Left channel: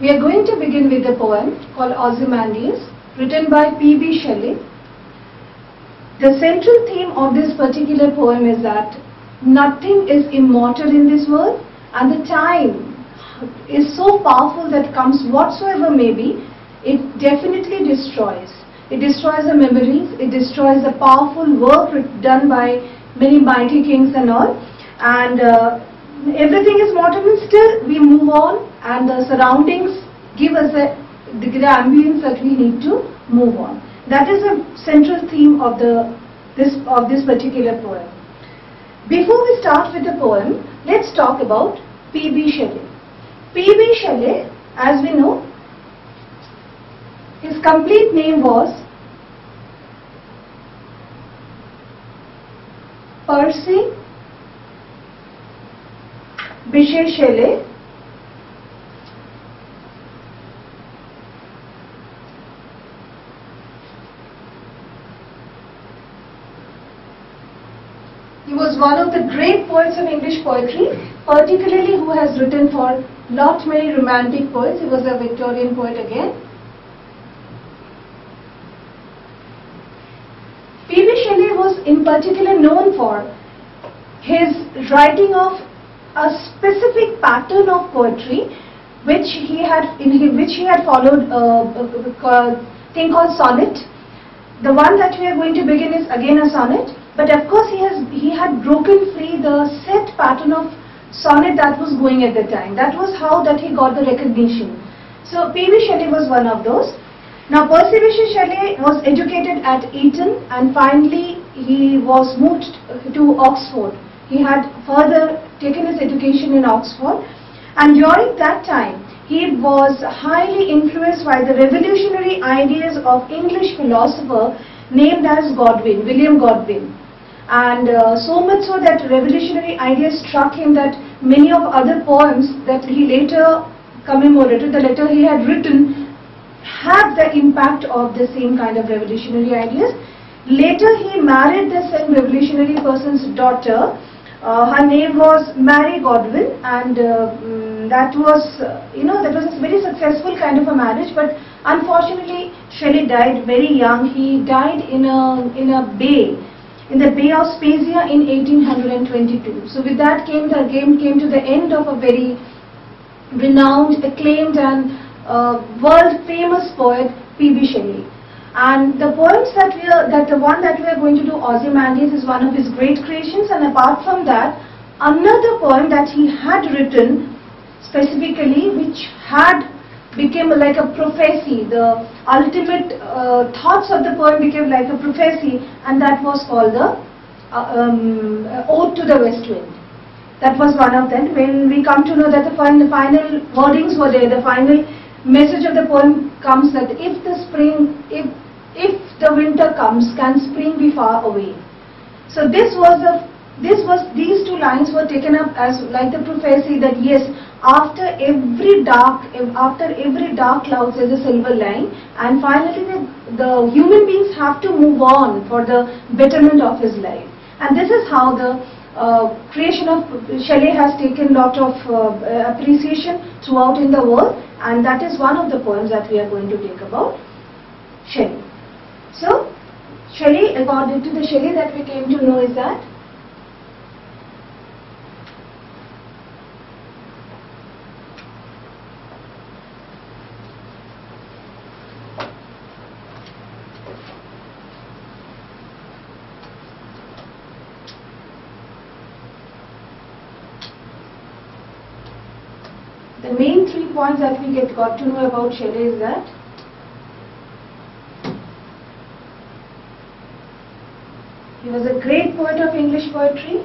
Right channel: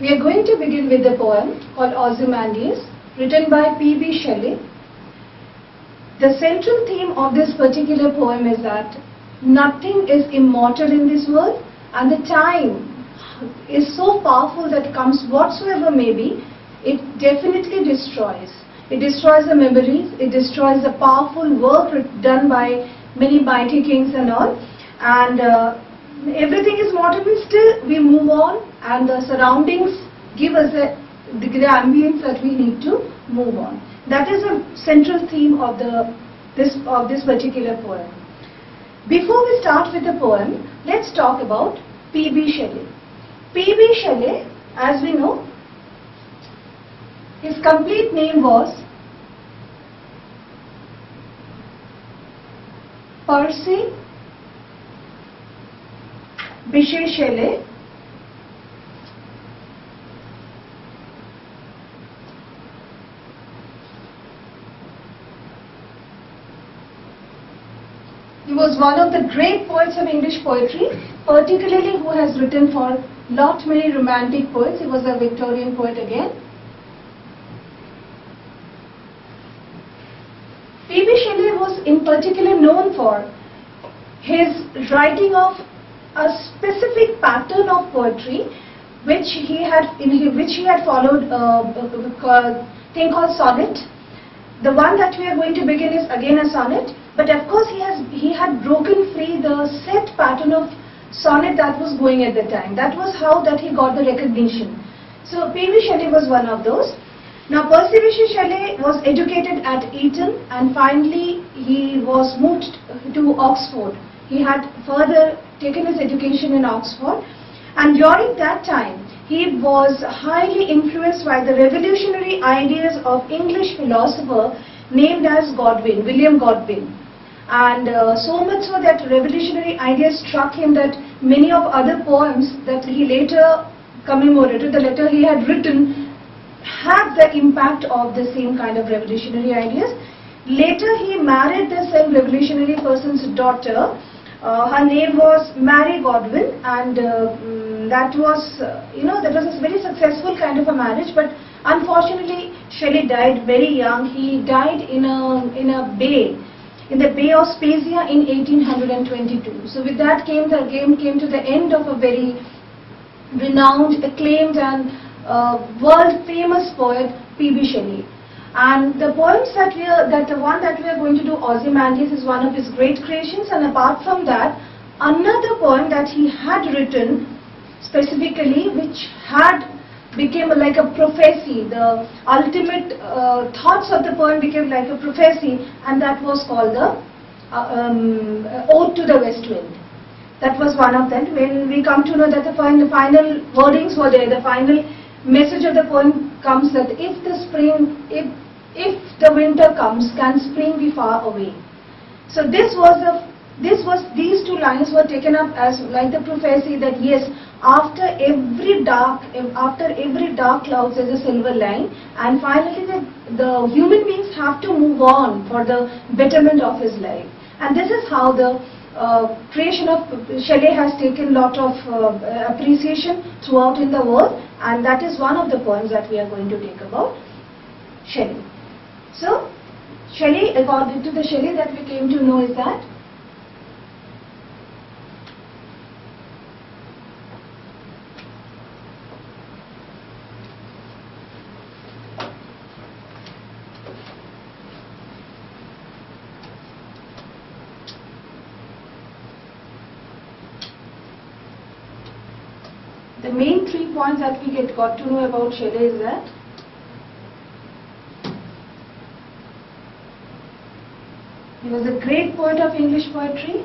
We are going to begin with a poem called Qzymandias, written by P.B. Shelley. The central theme of this particular poem is that nothing is immortal in this world, and the time is so powerful that comes whatsoever may be, it definitely destroys. It destroys the memories, it destroys the powerful work done by many mighty kings and all, and everything is mortal, and still we move on, and the surroundings give us the ambience that we need to move on. That is a central theme of this particular poem. Before we start with the poem, let's talk about P.B. Shelley. P.B. Shelley, as we know, his complete name was Percy Bysshe Shelley. He was one of the great poets of English poetry, particularly who has written for lot many romantic poets. He was a Victorian poet again. P.B. Shelley was in particular known for his writing of a specific pattern of poetry which he had followed a thing called sonnet. The one that we are going to begin is again a sonnet, but of course he had broken free the set pattern of sonnet that was going at the time. That was how that he got the recognition. So P.B. Shelley was one of those. Now Percy Bysshe Shelley was educated at Eton, and finally he was moved to Oxford. He had further taken his education in Oxford, and during that time he was highly influenced by the revolutionary ideas of English philosopher named as Godwin, William Godwin. And so much so that revolutionary ideas struck him that many of other poems that he later commemorated, the letter he had written, had the impact of the same kind of revolutionary ideas. Later he married the same revolutionary person's daughter. Her name was Mary Godwin, and that was a very successful kind of a marriage. But unfortunately, Shelley died very young. He died in the Bay of Spezia in 1822. So with that came to the end of a very renowned, acclaimed, and world famous poet P.B. Shelley. And the poems the one that we are going to do, Qzymandias, is one of his great creations. And apart from that, another poem that he had written specifically, which had became like a prophecy. The ultimate thoughts of the poem became like a prophecy, and that was called the Ode to the West Wind. That was one of them. When we come to know that the final wordings were there, the final message of the poem comes that if the winter comes, can spring be far away? So these two lines were taken up as like the prophecy that yes, after every dark cloud there is a silver line, and finally the human beings have to move on for the betterment of his life. And this is how the creation of Shelley has taken lot of appreciation throughout in the world, and that is one of the poems that we are going to take about Shelley. So Shelley, according to the Shelley that we came to know, is that the main 3 points that we got to know about Shelley is that he was a great poet of English poetry,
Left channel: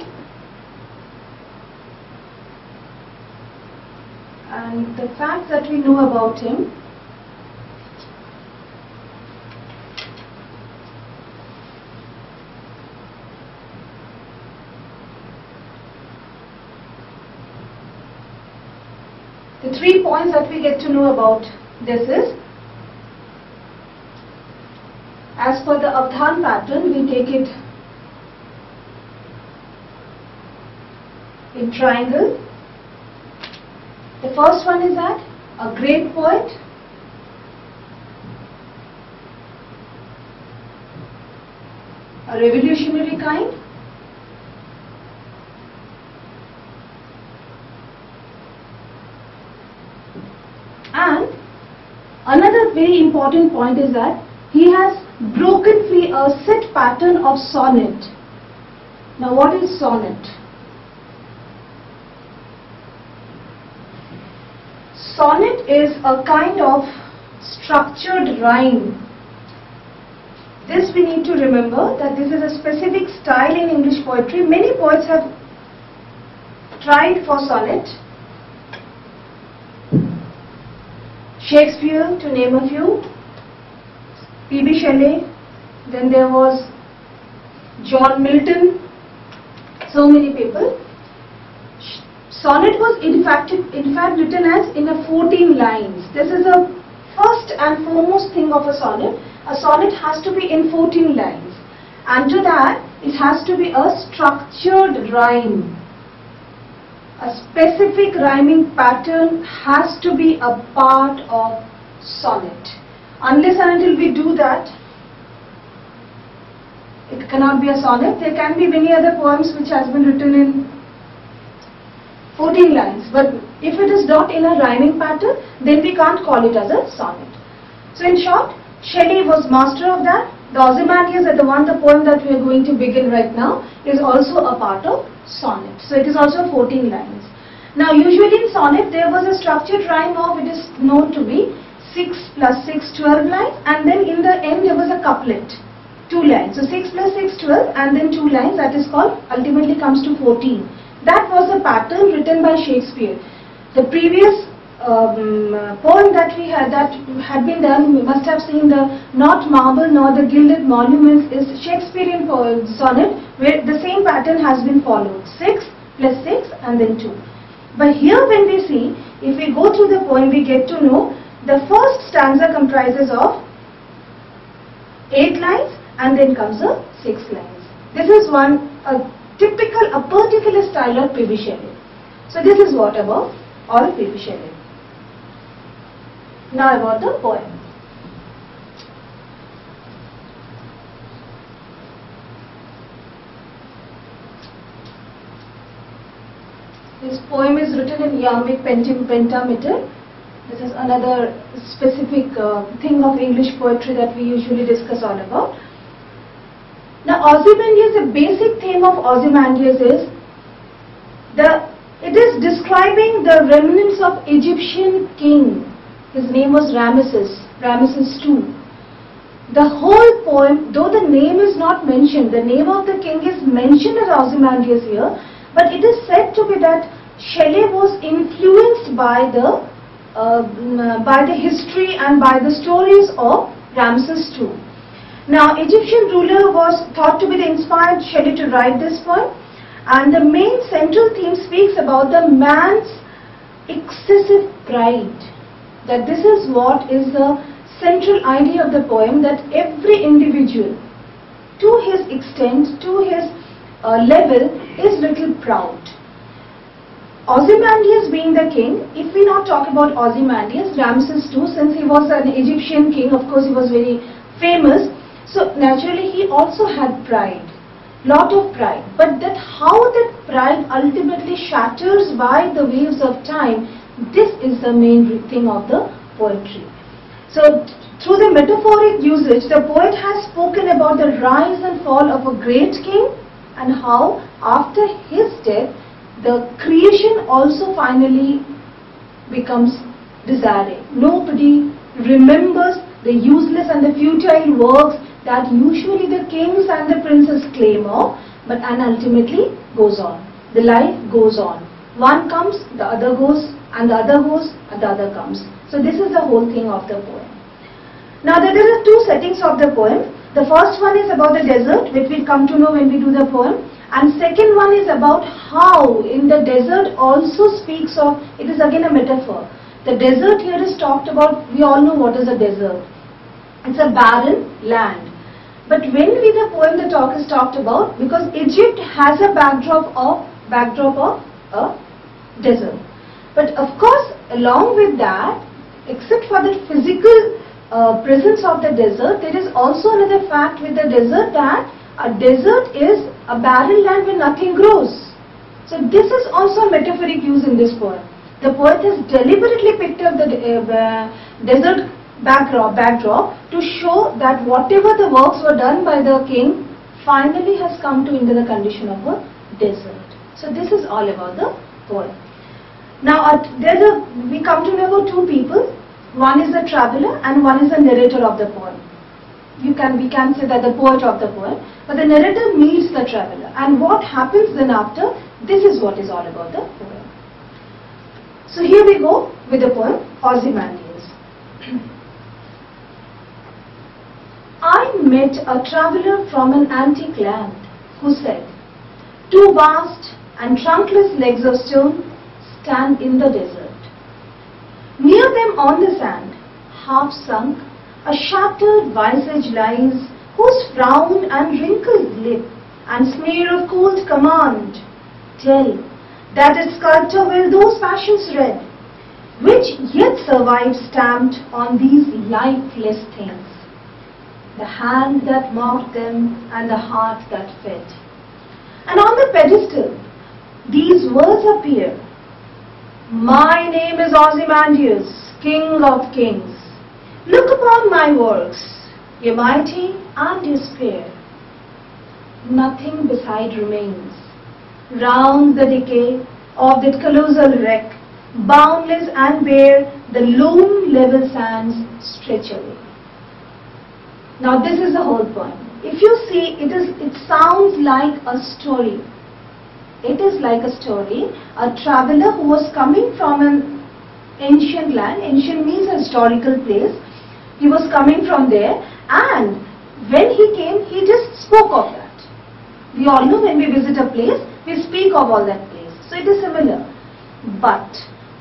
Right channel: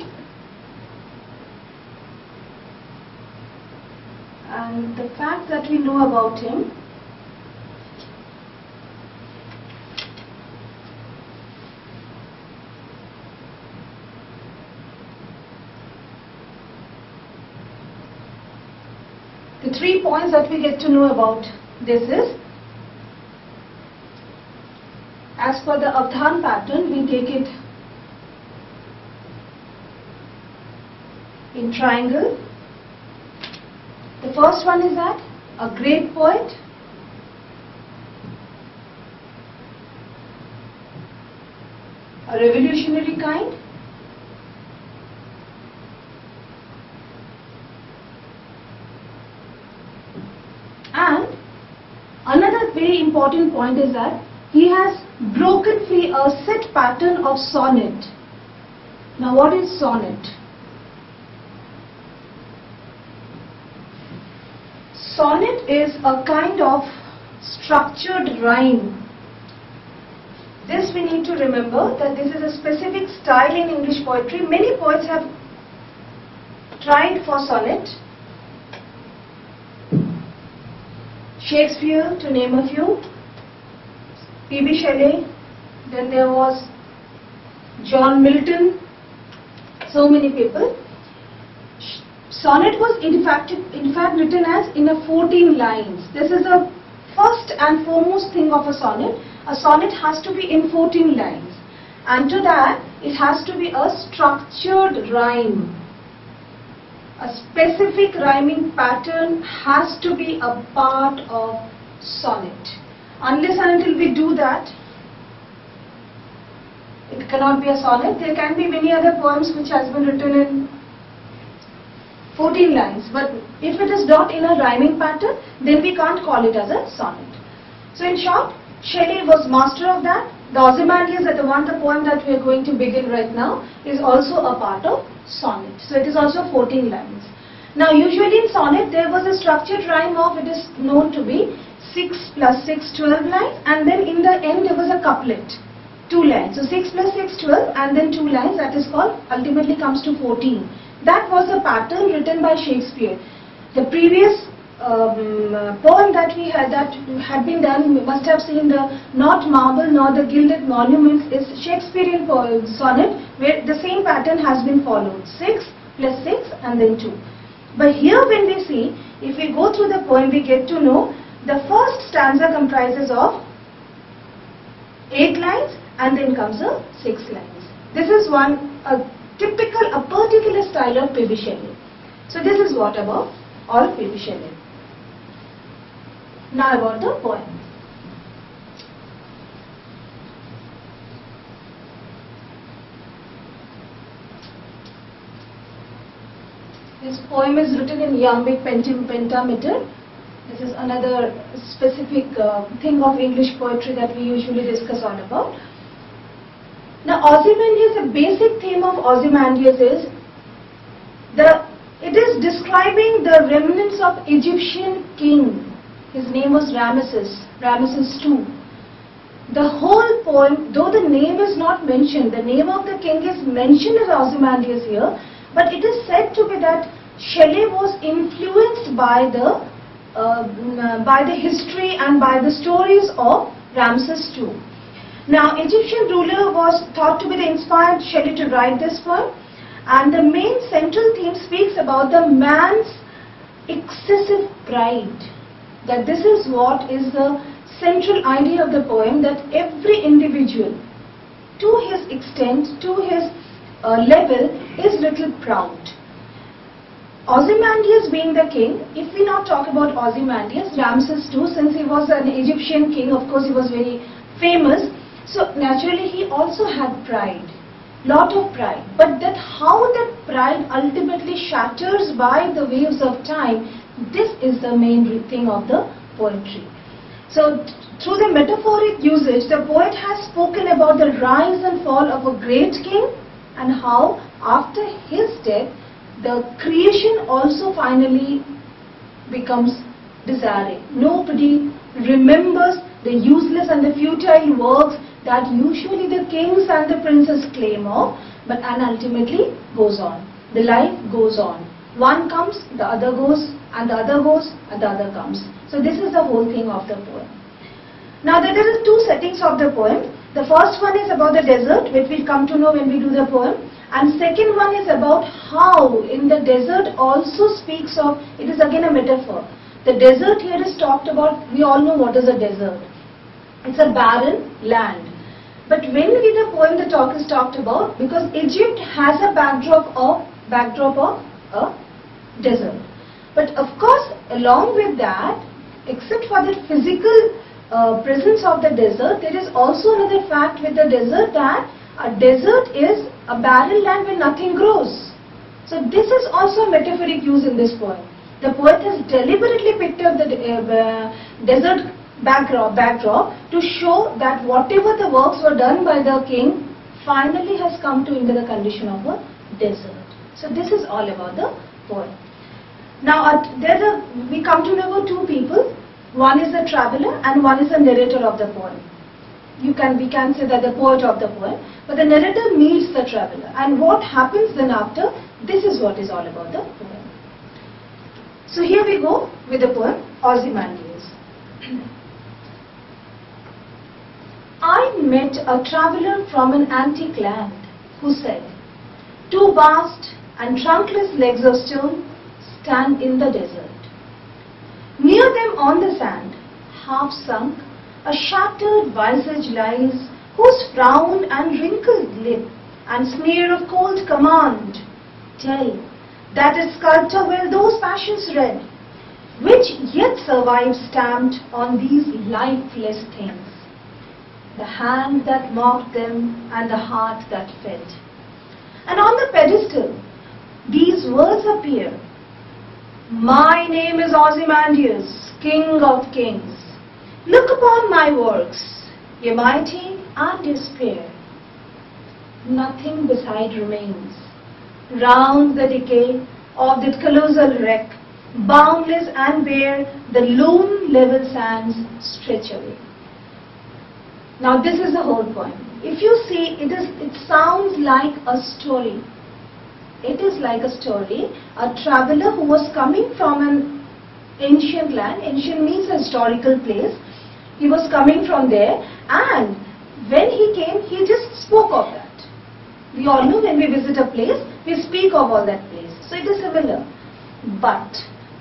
and the fact that we know about him the 3 points that we get to know about this is, as per the Avdhan pattern, we take it in triangle. The first one is that a great poet, a revolutionary kind, and another very important point is that he has broken free a set pattern of sonnet. Now what is sonnet? Sonnet is a kind of structured rhyme. This we need to remember, that this is a specific style in English poetry. Many poets have tried for sonnet. Shakespeare, to name a few, P.B. Shelley, then there was John Milton, so many people. Sonnet was in fact written as in a 14 lines. This is the first and foremost thing of a sonnet. A sonnet has to be in 14 lines, and to that it has to be a structured rhyme. A specific rhyming pattern has to be a part of sonnet. Unless and until we do that, it cannot be a sonnet. There can be many other poems which has been written in 14 lines, but if it is not in a rhyming pattern, then we can't call it as a sonnet. So in short, Shelley was master of that. The Qzymandias, the poem that we are going to begin right now, is also a part of sonnet. So it is also 14 lines. Now usually in sonnet there was a structured rhyme of, it is known to be 6 plus 6, 12 lines, and then in the end there was a couplet, 2 lines. So 6 plus 6, 12, and then 2 lines, that is called, ultimately comes to 14. That was a pattern written by Shakespeare. The previous poem that we had, that had been done, we must have seen the Not Marble Nor the Gilded Monuments, is Shakespearean sonnet, where the same pattern has been followed, 6 plus 6 and then 2. But here when we see, if we go through the poem, we get to know the first stanza comprises of 8 lines and then comes a 6 lines. This is a particular style of P.B. Shelley. So this is what about all P.B. Shelley. Now about the poem. This poem is written in iambic pentameter. This is another specific thing of English poetry that we usually discuss all about. Now Qzymandias, the basic theme of Qzymandias is it is describing the remnants of Egyptian king. His name was Ramesses II. The whole poem, though the name is not mentioned, the name of the king is mentioned as Qzymandias here, but it is said to be that Shelley was influenced by the history and by the stories of Ramesses II. Now, Egyptian ruler was thought to be the inspired Shelley to write this poem, and the main central theme speaks about the man's excessive pride. That this is what is the central idea of the poem, that every individual, to his extent, to his level, is little proud. Qzymandias being the king, if we not talk about Qzymandias, Ramesses II, since he was an Egyptian king, of course he was very famous, so naturally he also had pride, lot of pride. But that how that pride ultimately shatters by the waves of time, this is the main thing of the poetry. So through the metaphoric usage, the poet has spoken about the rise and fall of a great king, and how after his death the creation also finally becomes desiring. Nobody remembers the useless and the futile works that usually the kings and the princes claim of, and ultimately goes on. The life goes on. One comes, the other goes, and the other goes, and the other comes. So this is the whole thing of the poem. Now there are two settings of the poem. The first one is about the desert, which we'll come to know when we do the poem. And second one is about how in the desert also speaks of, it is again a metaphor. The desert here is talked about, we all know what is a desert. It's a barren land. But when the poem the talk is talked about, because Egypt has a backdrop of a desert. But of course, along with that, except for the physical presence of the desert, there is also another fact with the desert, that a desert is a barren land where nothing grows. So this is also a metaphoric use in this poem. The poet has deliberately picked up the desert backdrop to show that whatever the works were done by the king finally has come to into the condition of a desert. So this is all about the poem. Now we come to know about two people. One is the traveler and one is the narrator of the poem. We can say that the poet of the poem, but the narrator meets the traveler, and what happens then after, this is what is all about the poem. So here we go with the poem Qzymandias. I met a traveler from an antique land who said, two vast and trunkless legs of stone stand in the desert. Near them on the sand, half sunk, a shattered visage lies, whose frown and wrinkled lip and smear of cold command tell that its sculptor will those passions read, which yet survive stamped on these lifeless things, the hand that mocked them and the heart that fed. And on the pedestal these words appear, my name is Qzymandias, king of kings. Look upon my works, ye mighty and ye spare. Nothing beside remains. Round the decay of that colossal wreck, boundless and bare, the lone level sands stretch away. Now this is the whole poem. If you see, it sounds like a story. It is like a story. A traveler who was coming from an ancient land, ancient means a historical place, he was coming from there, and when he came, he just spoke of that. We all know when we visit a place, we speak of all that place. So it is similar. But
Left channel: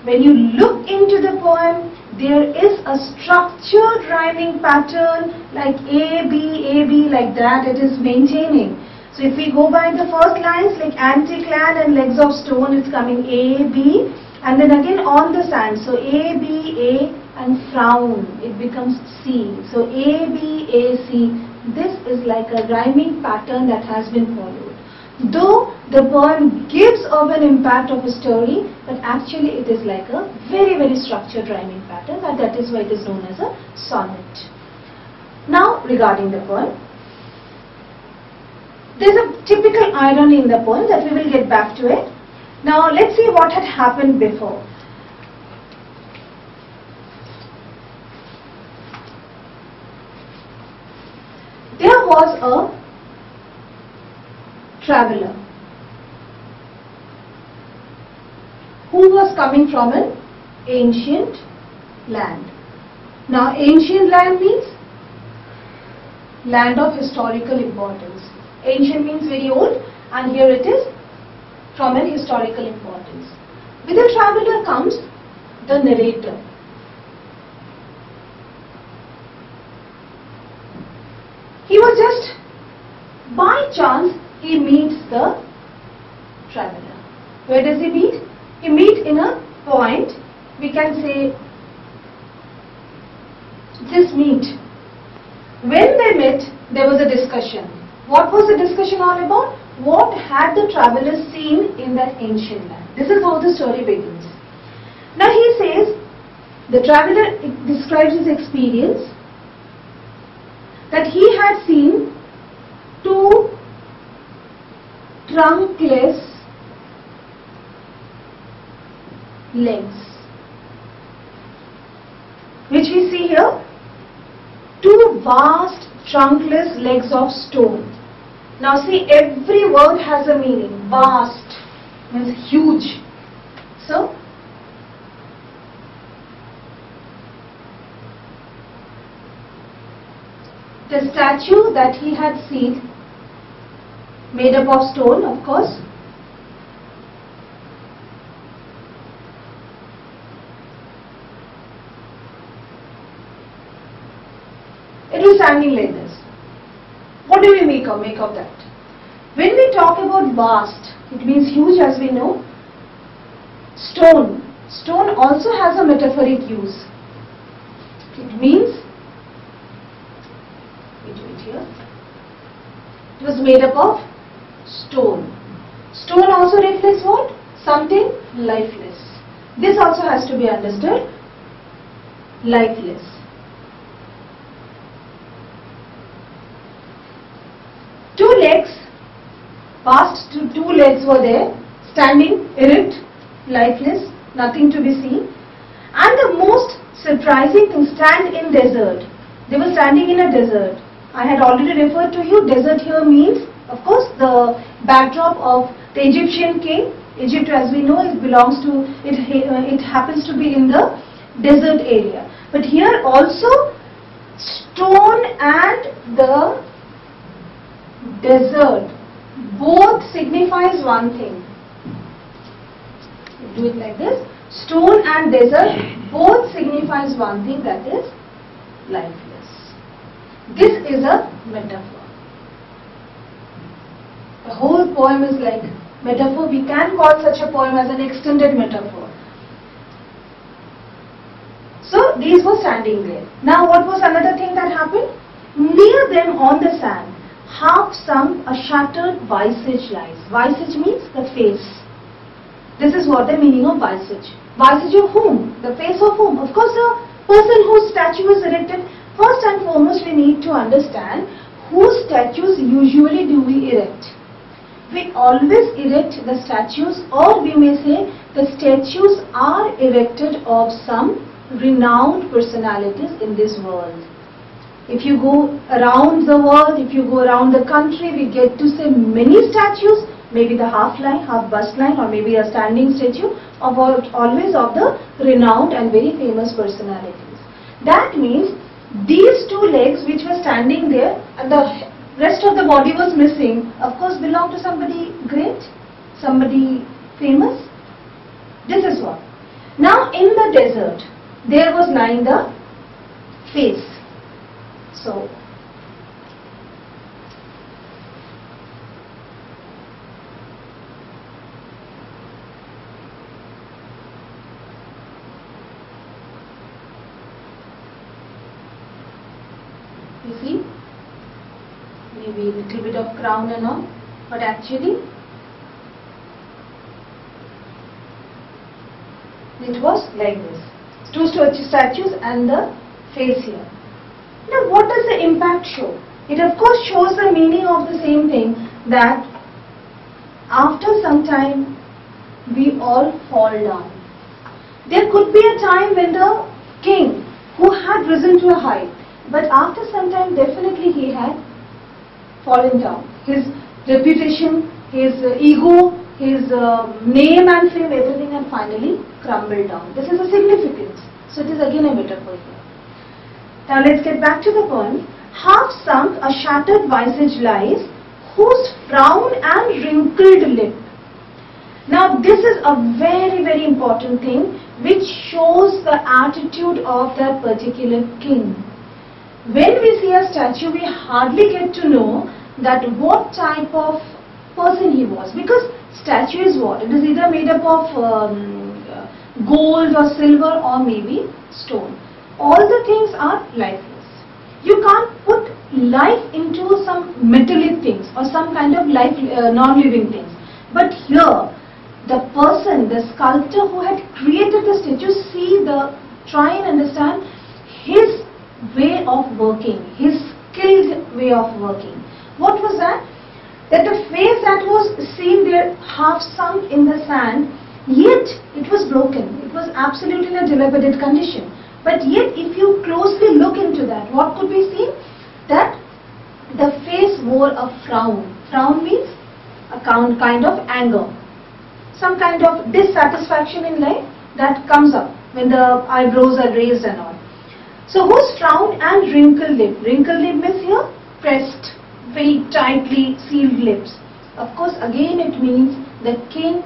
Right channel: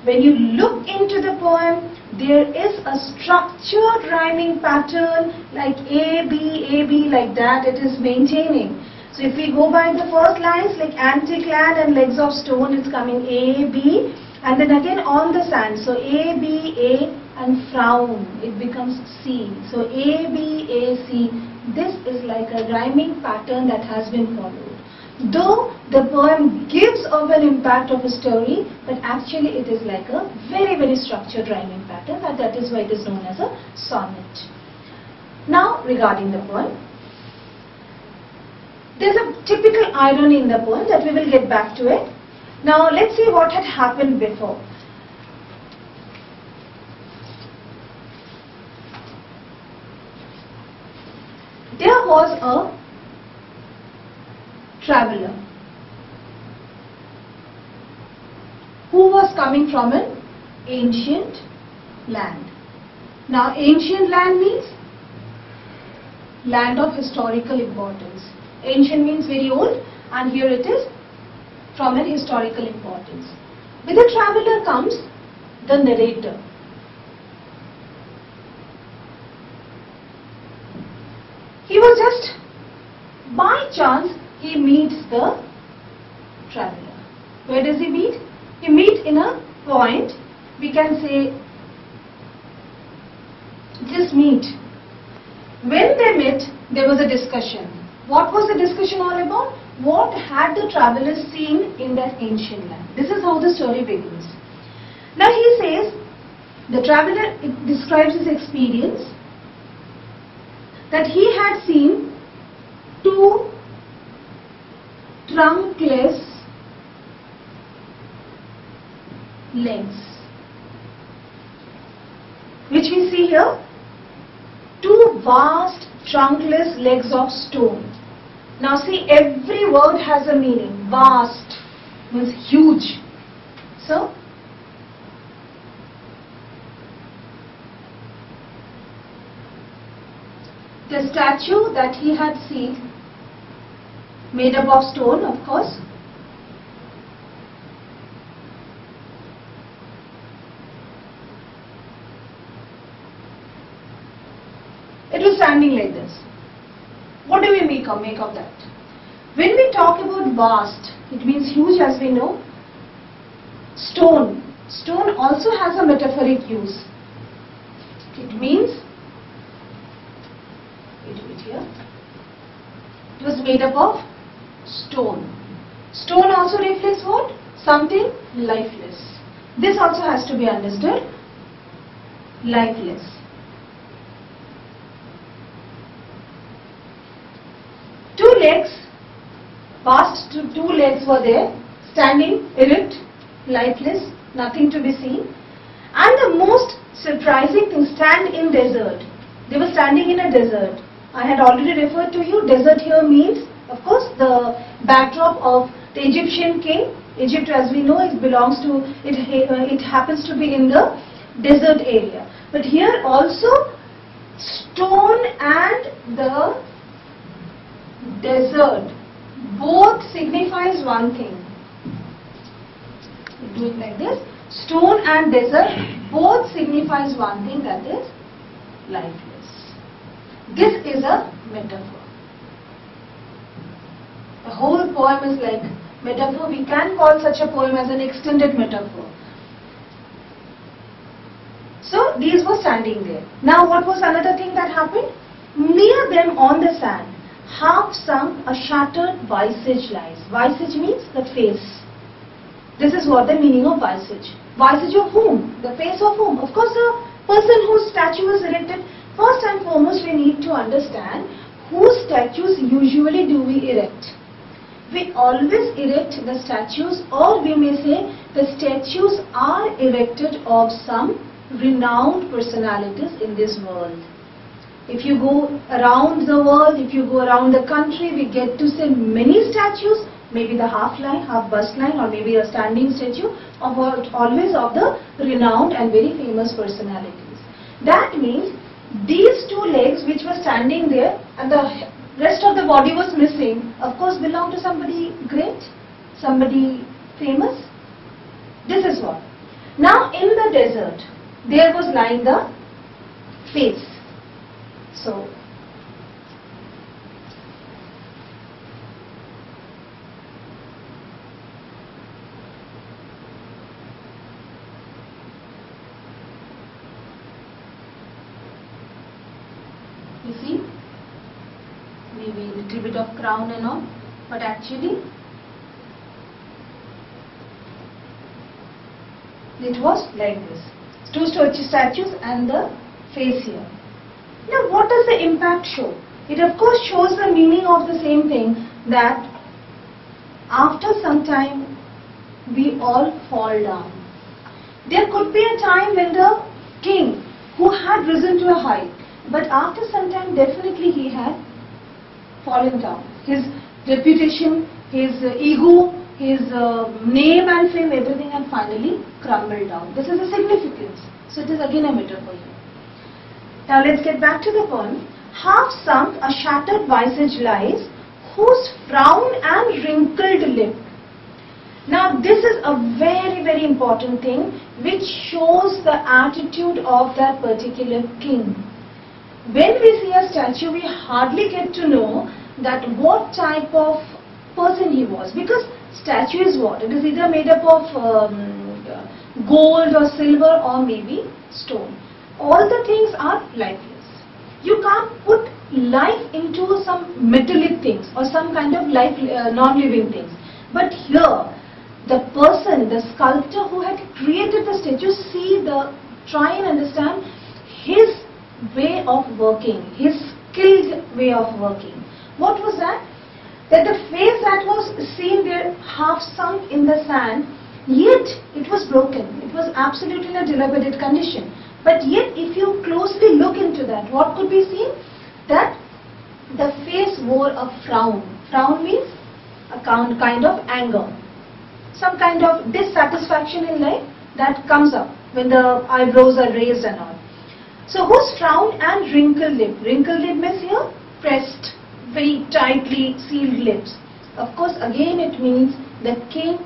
when you look into the poem, there is a structured rhyming pattern like A, B, like that it is maintaining. So if we go by the first lines like antique land and legs of stone, it's coming A, B, and then again on the sand. So A, B, A, and frown, it becomes C. So A, B, A, C. This is like a rhyming pattern that has been followed. Though the poem gives of an impact of a story, but actually it is like a very, very structured rhyming pattern, and that is why it is known as a sonnet. Now regarding the poem, there is a typical irony in the poem that we will get back to it. Now let's see what had happened before. There was a traveler who was coming from an ancient land. Now ancient land means land of historical importance. Ancient means very old, and here it is from an historical importance. With the traveler comes the narrator. He was just, by chance, he meets the traveler. Where does he meet? He meets in a point, we can say, this meet. When they met, there was a discussion. What was the discussion all about? What had the travelers seen in that ancient land? This is how the story begins. Now he says, the traveler describes his experience, that he had seen two trunkless legs, which we see here, two vast trunkless legs of stone. Now see, every word has a meaning. Vast means huge. So the statue that he had seen, made up of stone, of course, it was standing like this. What do we make of that? When we talk about vast, it means huge, as we know. Stone also has a metaphoric use. It means, wait here, it was made up of stone. Stone also reflects what? Something lifeless. This also has to be understood. Lifeless. Two legs, past two legs were there, standing erect, lifeless, nothing to be seen. And the most surprising thing, stand in desert. They were standing in a desert. I had already referred to you, desert here means, of course, the backdrop of the Egyptian king. Egypt, as we know, it belongs to, it happens to be in the desert area. But here also, stone and the desert both signifies one thing. We do it like this. Stone and desert both signifies one thing, that is lifeless. This is a metaphor. The whole poem is like metaphor. We can call such a poem as an extended metaphor. So these were standing there. Now what was another thing that happened? Near them on the sand, half sunk, a shattered visage lies. Visage means the face. This is what the meaning of visage. Visage of whom? The face of whom? Of course, the person whose statue is erected. First and foremost, we need to understand whose statues usually do we erect. We always erect the statues, or we may say the statues are erected of some renowned personalities in this world. If you go around the world, if you go around the country, we get to see many statues, maybe the half line, half bust line, or maybe a standing statue of always of the renowned and very famous personalities. That means these two legs which were standing there and the rest of the body was missing, of course belong to somebody great, somebody famous. This is what. Now in the desert, there was lying the face. So, you see, maybe a little bit of crown and all, but actually it was like this. Two statues and the face here. Now what does the impact show? It of course shows the meaning of the same thing, that after some time we all fall down. There could be a time when the king who had risen to a height, but after some time definitely he had fallen down. His reputation, his ego, his name and fame, everything had finally crumbled down. This is a significance. So it is again a metaphor here. Now let's get back to the poem. Half sunk, a shattered visage lies, whose frown and wrinkled lip. Now this is a very, very important thing which shows the attitude of that particular king. When we see a statue, we hardly get to know that what type of person he was, because statue is what? It is either made up of gold or silver or maybe stone. All the things are lifeless. You can't put life into some metallic things or some kind of life non-living things. But here, the person, the sculptor who had created the statue, try and understand his way of working, his skilled way of working. What was that? That the face that was seen there half sunk in the sand, yet it was broken. It was absolutely in a dilapidated condition. But yet if you closely look into that, what could be seen? That the face wore a frown. Frown means a kind of anger. Some kind of dissatisfaction in life that comes up when the eyebrows are raised and all. So whose frown and wrinkled lip? Wrinkled lip means here pressed, very tightly sealed lips. Of course again it means the king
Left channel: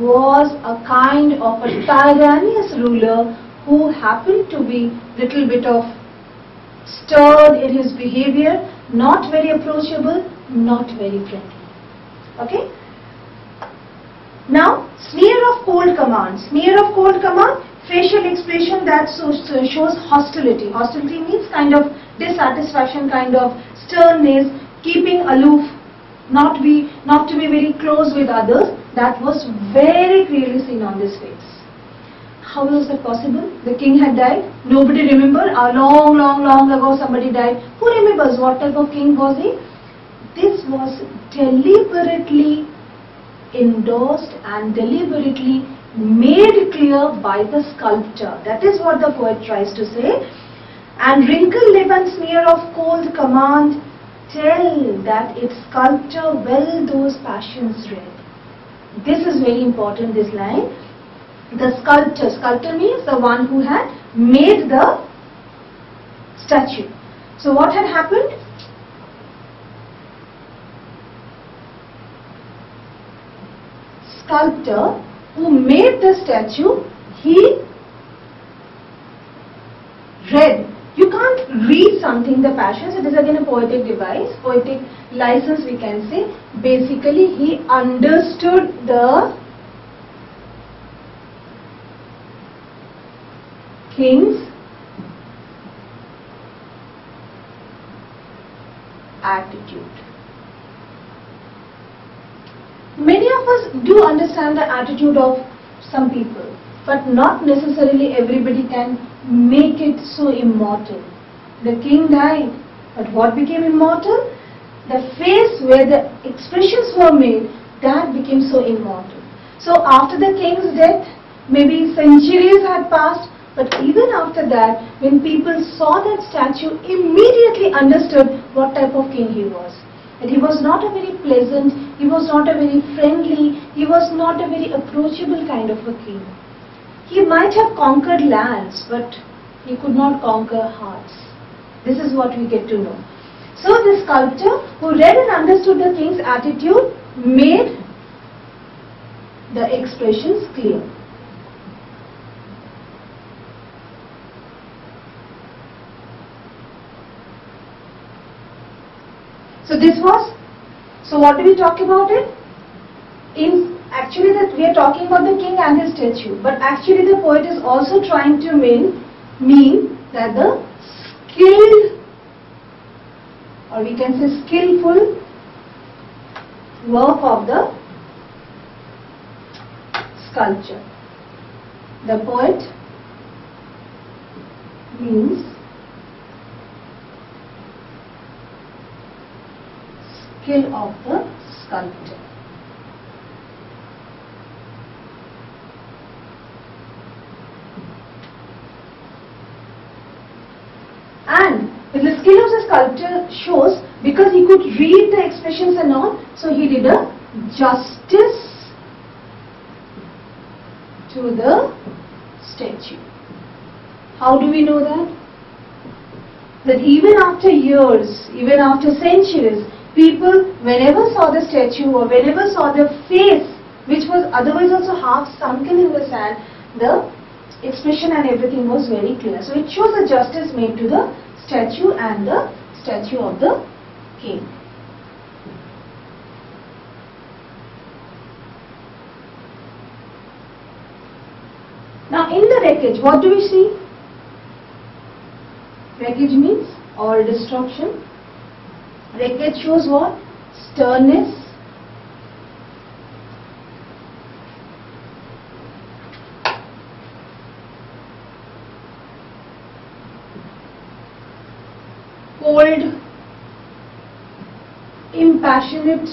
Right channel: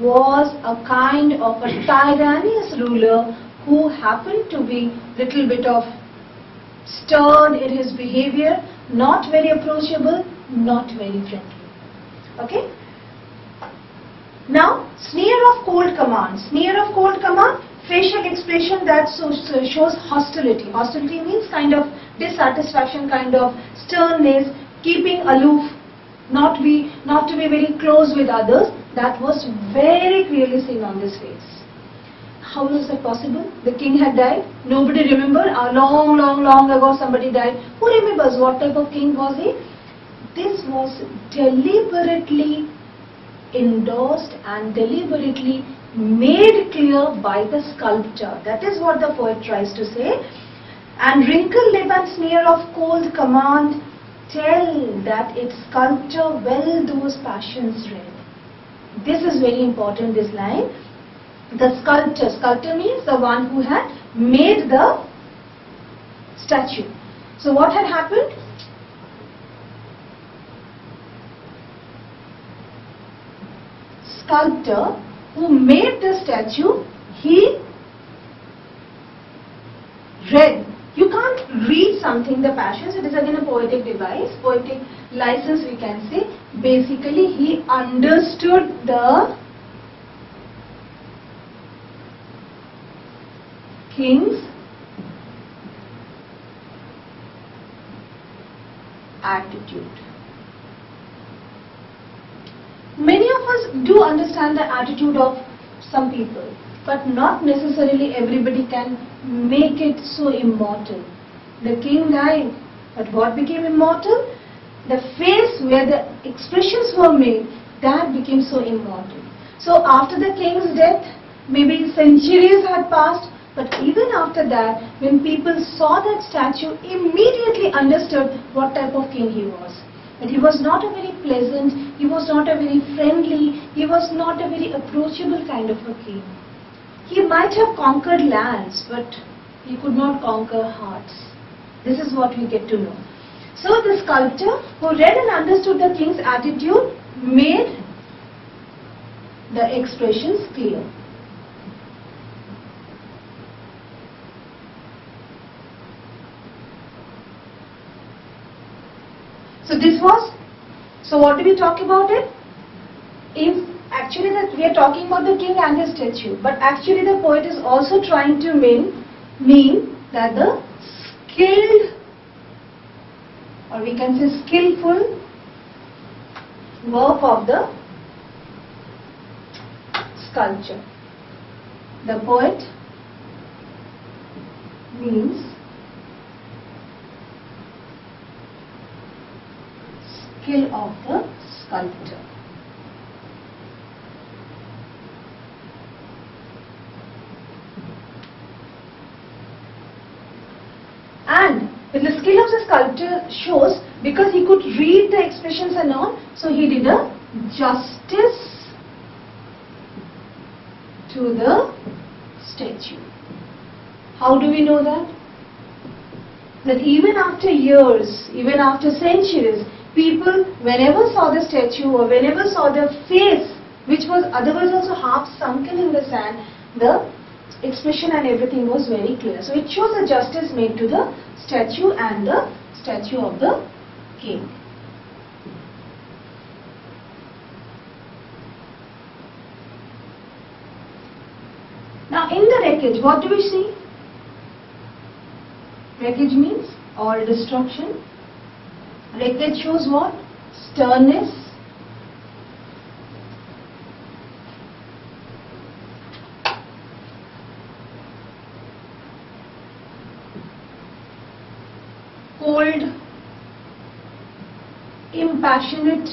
was a kind of a tyrannous ruler who happened to be little bit of stern in his behavior, not very approachable, not very friendly. Okay? Now, sneer of cold command. Sneer of cold command, facial expression that shows hostility. Hostility means kind of dissatisfaction, kind of sternness, keeping aloof, not to be very close with others. That was very clearly seen on this face. How was that possible? The king had died. Nobody remembered. Long ago somebody died. Who remembers what type of king was he? This was deliberately endorsed and deliberately made clear by the sculptor. That is what the poet tries to say. And wrinkled lip and sneer of cold command tell that its sculptor well those passions read. This is very important, this line. The sculptor means the one who had made the statue. So what had happened? Sculptor who made the statue, he read. You can't read something, the passions. It is again a poetic device, poetic license we can say. Basically he understood the king's attitude. Many of us do understand the attitude of some people, but not necessarily everybody can make it so immortal. The king died, but what became immortal? The face where the expressions were made, that became so immortal. So after the king's death, maybe centuries had passed, but even after that, when people saw that statue, immediately understood what type of king he was. That he was not a very pleasant, he was not a very friendly, he was not a very approachable kind of a king. He might have conquered lands, but he could not conquer hearts. This is what we get to know. So the sculptor who read and understood the king's attitude made the expressions clear. So what do we talk about it? Actually that we are talking about the king and his statue, but actually the poet is also trying to mean that the skilled, or we can say skillful work of the sculpture. The poet means skill of the sculptor. And when the skill of the sculptor shows, because he could read the expressions and all, so he did a justice to the statue. How do we know that? That even after years, even after centuries, people, whenever saw the statue or whenever saw the face, which was otherwise also half sunken in the sand, the expression and everything was very clear. So it shows a justice made to the statue and the statue of the king. Now in the wreckage, what do we see? Wreckage means all destruction. Wreckage shows what? Sternness. Cold, impassionate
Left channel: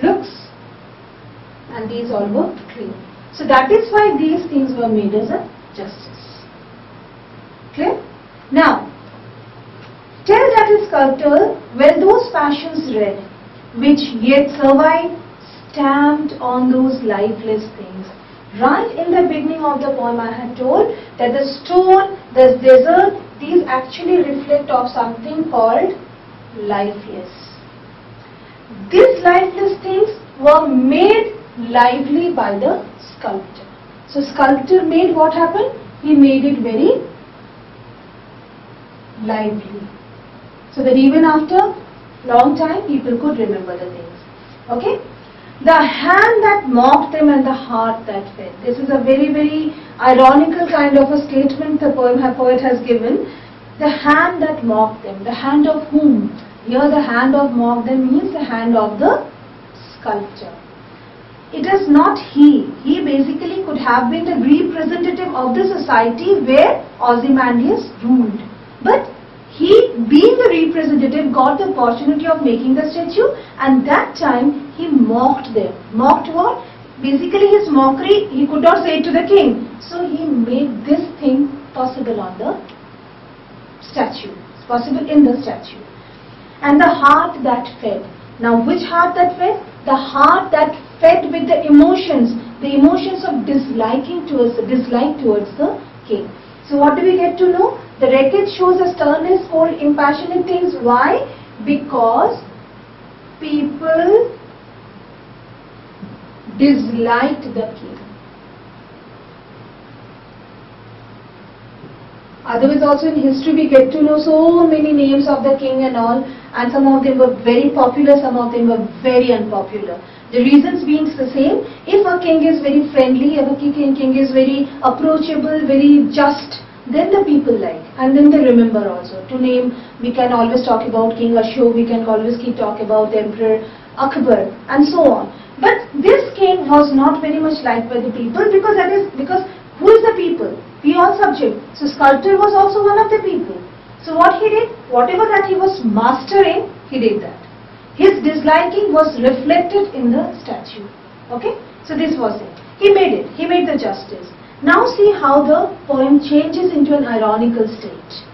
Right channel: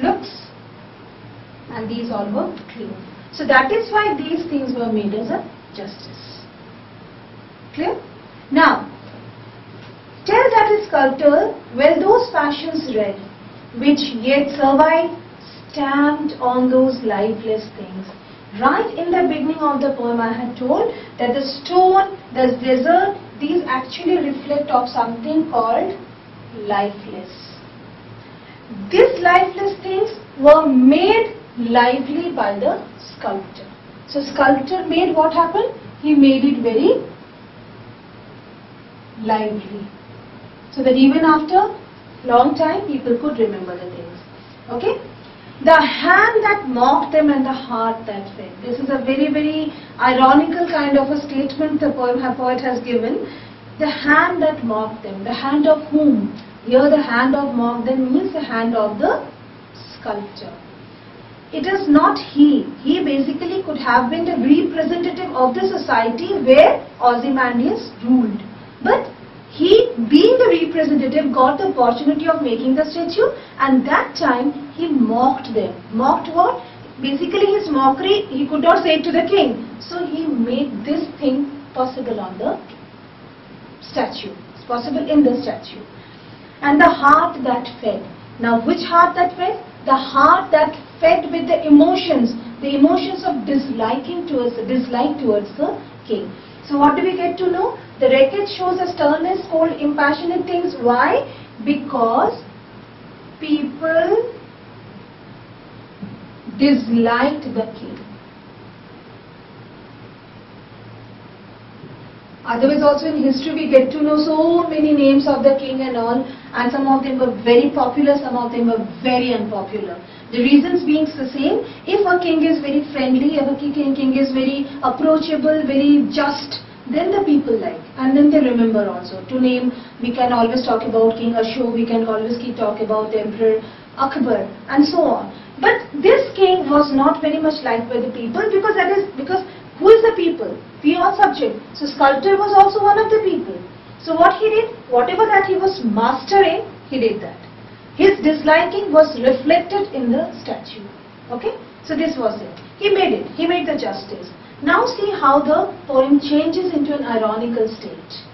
looks, and these all were clear. So that is why these things were made as a justice. Clear? Now, tell that his sculptor, when those passions read, which yet survive, stamped on those lifeless things. Right in the beginning of the poem I had told that the stone, the desert, these actually reflect of something called lifeless. These lifeless things were made lively by the sculptor. So sculptor made what happened? He made it very lively. So that even after long time people could remember the things. Okay. The hand that mocked them and the heart that fed. This is a very, very ironical kind of a statement the poet has given. The hand that mocked them. The hand of whom? Here the hand of mocked them means the hand of the sculptor. It is not he. He basically could have been the representative of the society where Qzymandias ruled. But he, being the representative, got the opportunity of making the statue, and that time he mocked them. Mocked what? Basically his mockery, he could not say it to the king. So he made this thing possible on the statue. It's possible in the statue. And the heart that fed. Now which heart that fed? The heart that fed with the emotions of disliking towards dislike towards the king. So what do we get to know? The wreckage shows a sternness, cold, impassionate things. Why? Because people disliked the king. Otherwise also in history we get to know so many names of the king and all, and some of them were very popular, some of them were very unpopular. The reasons being the same. If a king is very friendly, if a king is very approachable, very just, then the people like, and then they remember also. To name, we can always talk about King Ashok, we can always keep talk about the Emperor Akbar, and so on. But this king was not very much liked by the people, because who is the people? We all subject. So sculptor was also one of the people. So what he did, whatever that he was mastering, he did that. His disliking was reflected in the statue. Okay? So this was it. He made it. He made the justice. Now see how the poem changes into an ironical state.